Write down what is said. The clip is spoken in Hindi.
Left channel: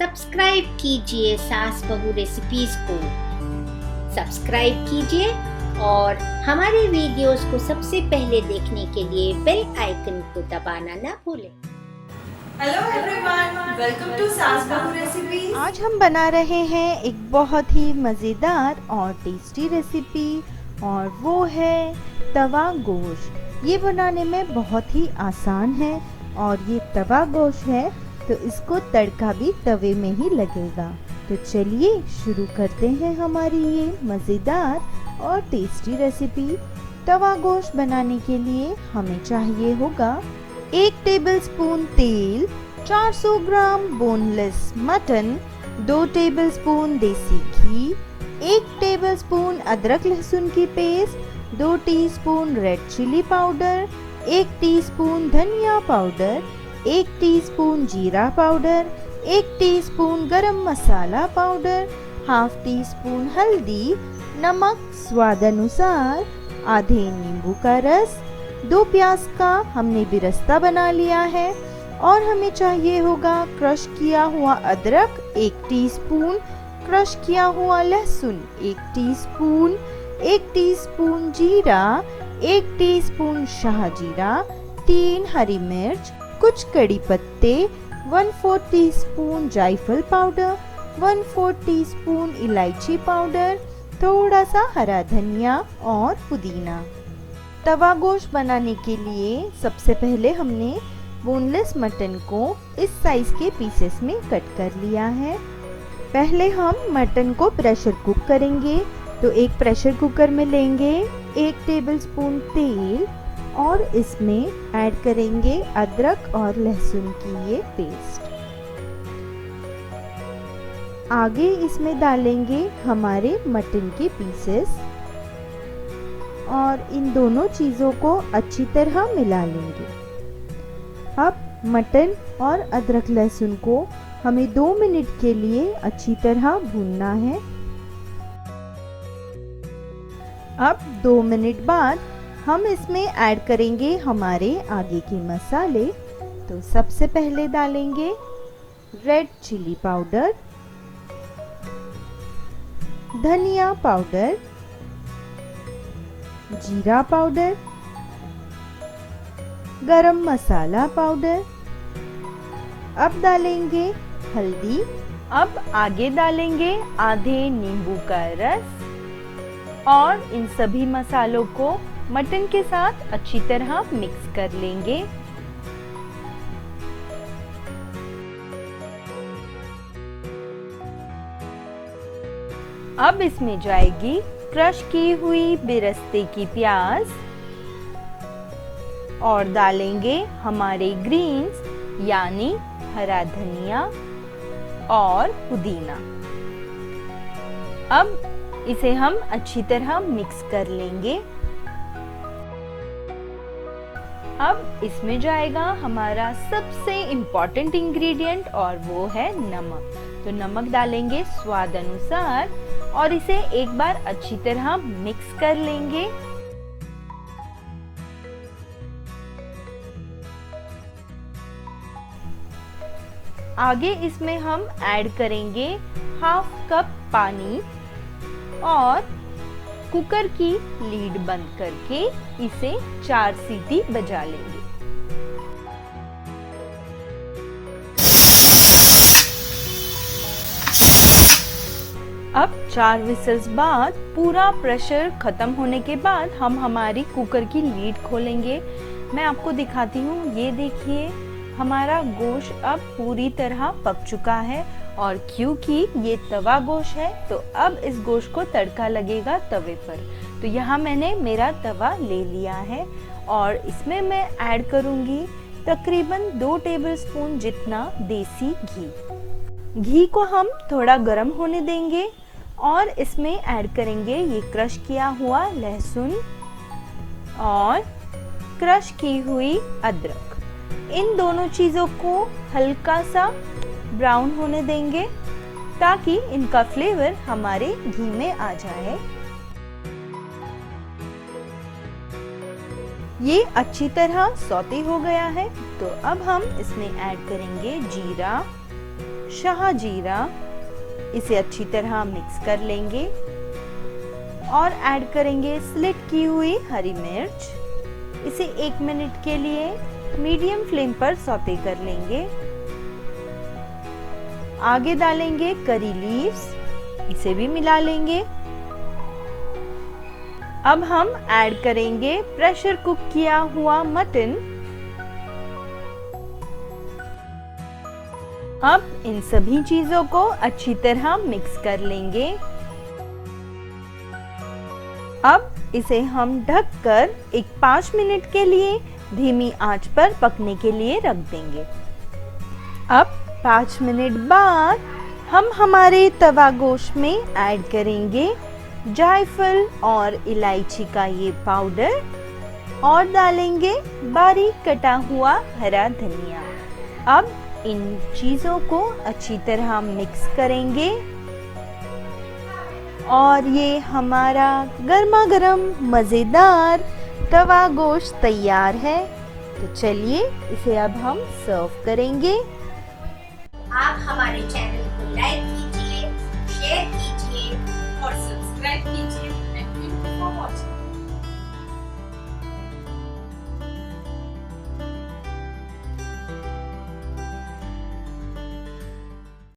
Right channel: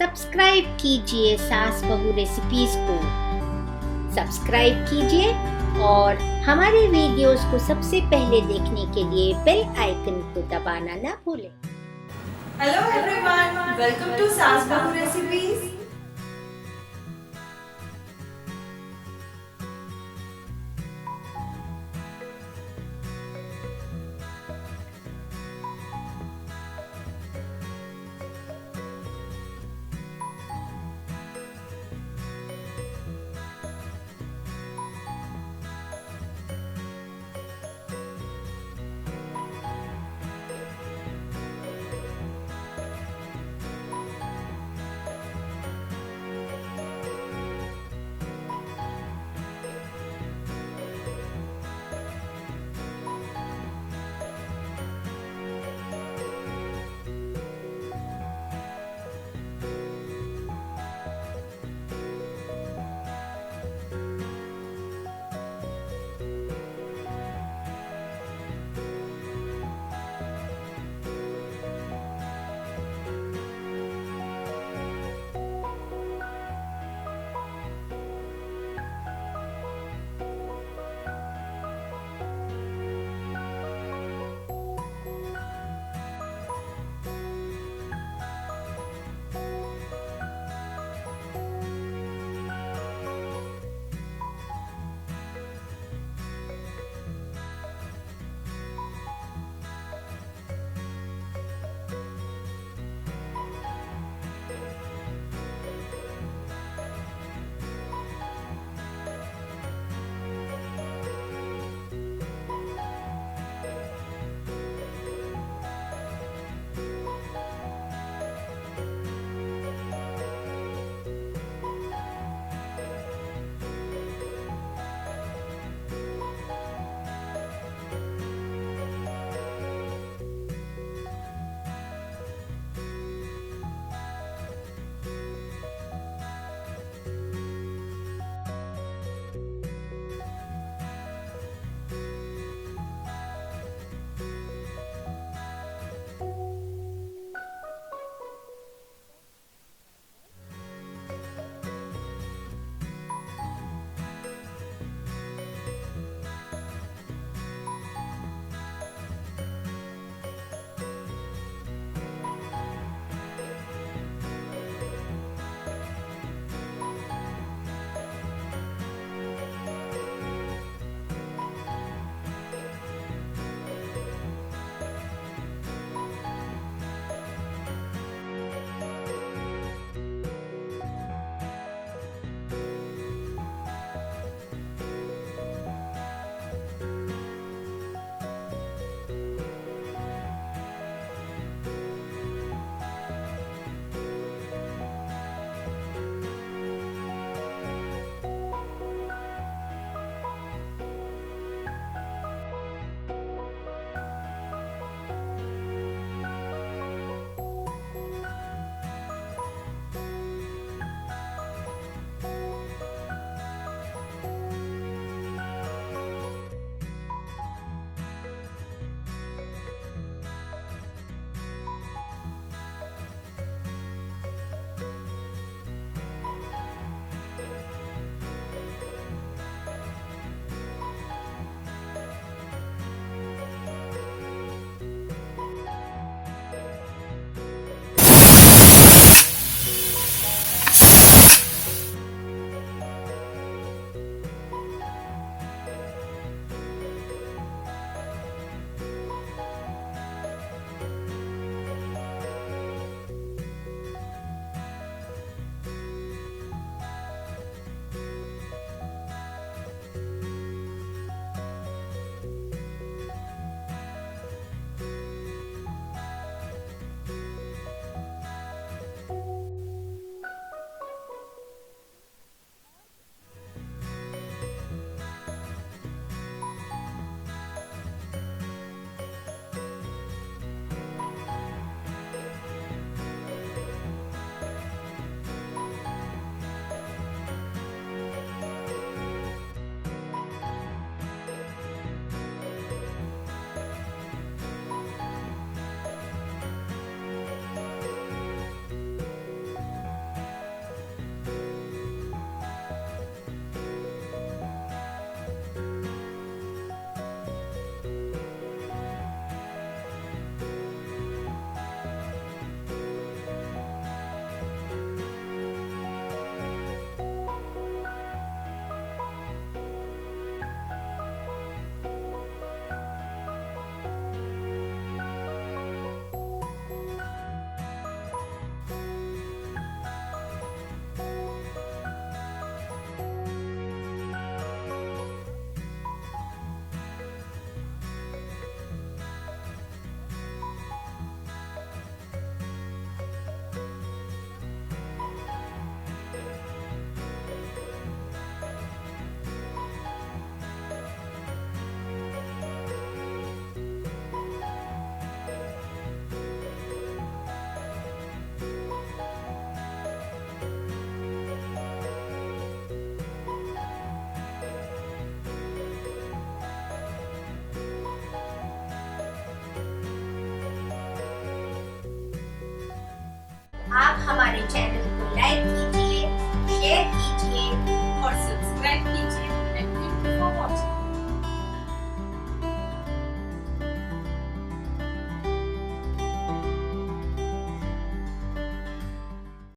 सब्सक्राइब कीजिए सास बहू रेसिपीज को। सब्सक्राइब कीजिए और हमारे वीडियोस को सबसे पहले देखने के लिए बेल आइकन को दबाना ना भूलें। हेलो एवरीवन, वेलकम टू सास बहू रेसिपीज। आज हम बना रहे हैं एक बहुत ही मज़ेदार और टेस्टी रेसिपी और वो है तवा गोश्त। ये बनाने में बहुत ही आसान है और ये तवा गोश्त है तो इसको तड़का भी तवे में ही लगेगा। तो चलिए शुरू करते हैं हमारी ये मज़ेदार और टेस्टी रेसिपी। तवा गोश्त बनाने के लिए हमें चाहिए होगा 1 टेबलस्पून तेल, 400 ग्राम बोनलेस मटन, 2 टेबलस्पून देसी घी, 1 टेबलस्पून अदरक लहसुन की paste, 2 teaspoon red chilli powder, 1 teaspoon धनिया पाउडर, 1 टीस्पून जीरा powder, 1 teaspoon garam masala powder, half teaspoon हल्दी, नमक स्वाद अनुसार, आधे नींबू का रस, 2 प्याज का हमने बिरस्ता बना लिया है और हमें चाहिए होगा क्रश किया हुआ अदरक 1 टीस्पून, क्रश किया हुआ लहसुन 1 टीस्पून, 1 टीस्पून जीरा, 1 टीस्पून शाह जीरा, 3 हरी मिर्च, कुछ कड़ी पत्ते, 1/4 टीस्पून जायफल पाउडर, 1/4 टीस्पून इलायची पाउडर, थोड़ा सा हरा धनिया और पुदीना। तवा गोश्त बनाने के लिए सबसे पहले हमने बोनलेस मटन को इस साइज के पीसेस में कट कर लिया है। पहले हम मटन को प्रेशर कुक करेंगे। तो एक प्रेशर कुकर में लेंगे 1 टेबलस्पून तेल और इसमें ऐड करेंगे अदरक और लहसुन की ये पेस्ट। आगे इसमें डालेंगे हमारे मटन के पीसेस और इन दोनों चीज़ों को अच्छी तरह मिला लेंगे। अब मटन और अदरक लहसुन को हमें 2 मिनट के लिए अच्छी तरह भूनना है। अब 2 मिनट बाद हम इसमें ऐड करेंगे हमारे आगे के मसाले। तो सबसे पहले डालेंगे रेड चिली पाउडर, धनिया पाउडर, जीरा पाउडर, गरम मसाला पाउडर। अब डालेंगे हल्दी। अब आगे डालेंगे आधे नींबू का रस और इन सभी मसालों को मटन के साथ अच्छी तरह मिक्स कर लेंगे। अब इसमें जाएगी क्रश की हुई बेरस्ते की प्याज और डालेंगे हमारे ग्रीन्स यानी हरा धनिया और पुदीना। अब इसे हम अच्छी तरह मिक्स कर लेंगे। अब इसमें जाएगा हमारा सबसे इम्पोर्टेंट इंग्रेडिएंट और वो है नमक। तो नमक डालेंगे स्वाद अनुसार और इसे एक बार अच्छी तरह मिक्स कर लेंगे। आगे इसमें हम ऐड करेंगे हाफ कप पानी और कुकर की लीड बंद करके इसे 4 सीटी बजा लेंगे। अब 4 विसल्स बाद पूरा प्रेशर खत्म होने के बाद हम हमारी कुकर की लीड खोलेंगे। मैं आपको दिखाती हूँ, ये देखिए हमारा गोश्त अब पूरी तरह पक चुका है और क्योंकि ये तवा गोश्त है तो अब इस गोश्त को तड़का लगेगा तवे पर। तो यहाँ मैंने मेरा तवा ले लिया है और इसमें मैं ऐड करूँगी तकरीबन 2 टेबलस्पून जितना देसी घी। घी को हम थोड़ा गर्म होने देंगे और इसमें ऐड करेंगे ये क्रश किया हुआ लहसुन और क्रश की हुई अदरक। इन दोनों चीज़ों को हल्का सा ब्राउन होने देंगे ताकि इनका फ्लेवर हमारे घी में आ जाए। ये अच्छी तरह सौते हो गया है तो अब हम इसमें ऐड करेंगे जीरा, शाह जीरा, इसे अच्छी तरह मिक्स कर लेंगे और ऐड करेंगे स्लिट की हुई हरी मिर्च। इसे 1 मिनट के लिए मीडियम फ्लेम पर सौते कर लेंगे। आगे डालेंगे करी लीव्स, इसे भी मिला लेंगे। अब हम ऐड करेंगे प्रेशर कुक किया हुआ मटन। अब इन सभी चीजों को अच्छी तरह मिक्स कर लेंगे। अब इसे हम ढककर 5 मिनट के लिए धीमी आंच पर पकने के लिए रख देंगे। अब 5 मिनट बाद हम हमारे तवा गोश्त में ऐड करेंगे जायफल और इलायची का ये पाउडर और डालेंगे बारीक कटा हुआ हरा धनिया। अब इन चीज़ों को अच्छी तरह मिक्स करेंगे और ये हमारा गर्मा गर्म मज़ेदार तवा गोश्त तैयार है। तो चलिए इसे अब हम सर्व करेंगे। आप हमारे चैनल